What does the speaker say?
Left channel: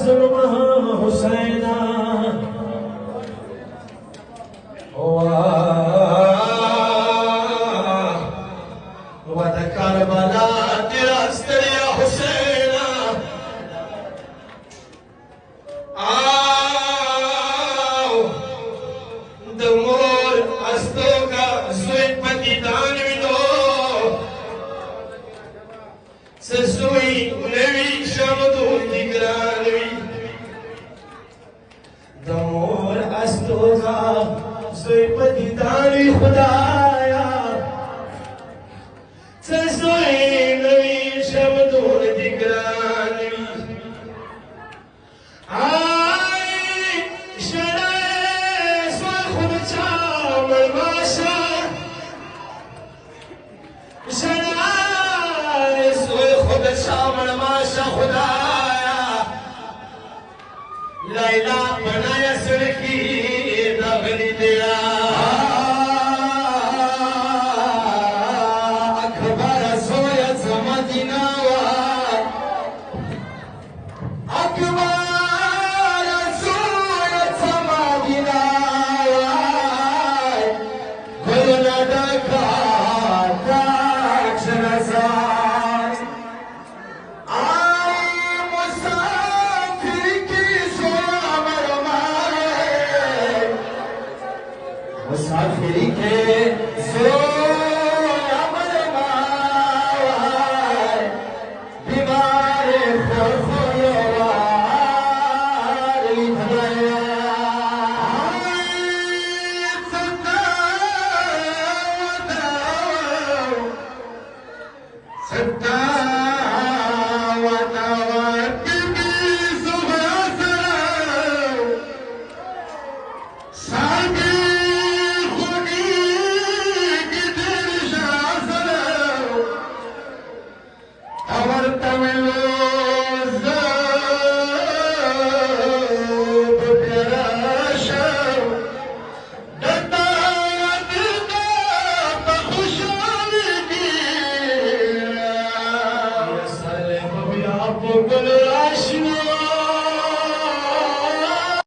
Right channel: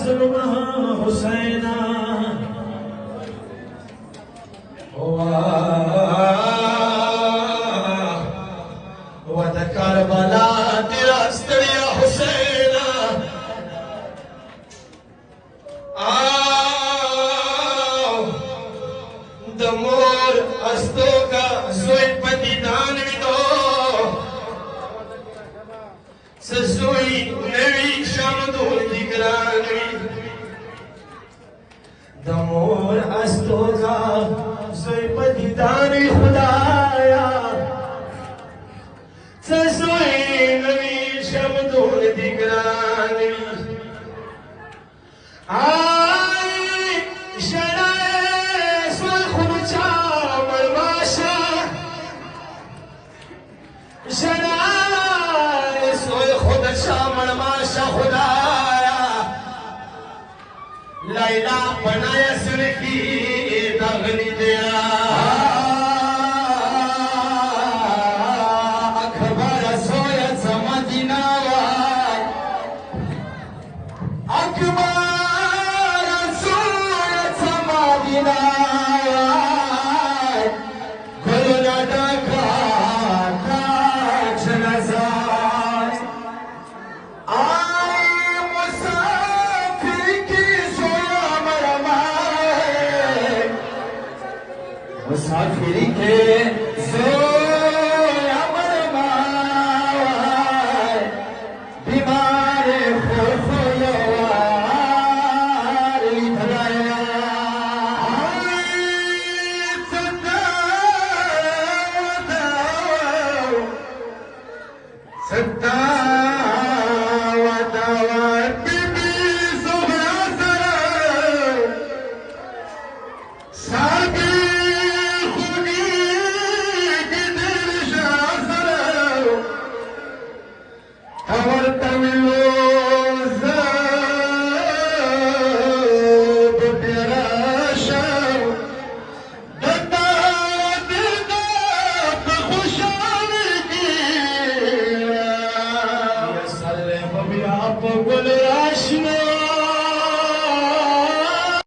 जुल्म हुसैना वद करबला तेरा सरिया हुसैना आओ दमोर अस्तों का सोई पतिदान विदो ससुई नवी शमदूर दिगरानवी दमोर अस्तों का सोई पतिदान खुदाया ससुई नवी शमदूर दिगरानवी आई शराय सोई खुर्चा मलमाशा शराय सोई खुर्चा मलमाशा खुदाया लैला बनाया सड़की नगरी दया अखबार सोया समझना अखबार सोया समझना गुना डाका नजार आई मुसाफिर की मुसाफिरी के बीमार सत्ता अमर तमिलो तेरा शर डंडा दिलदा खुशाल की सर बबिया गुल राशिया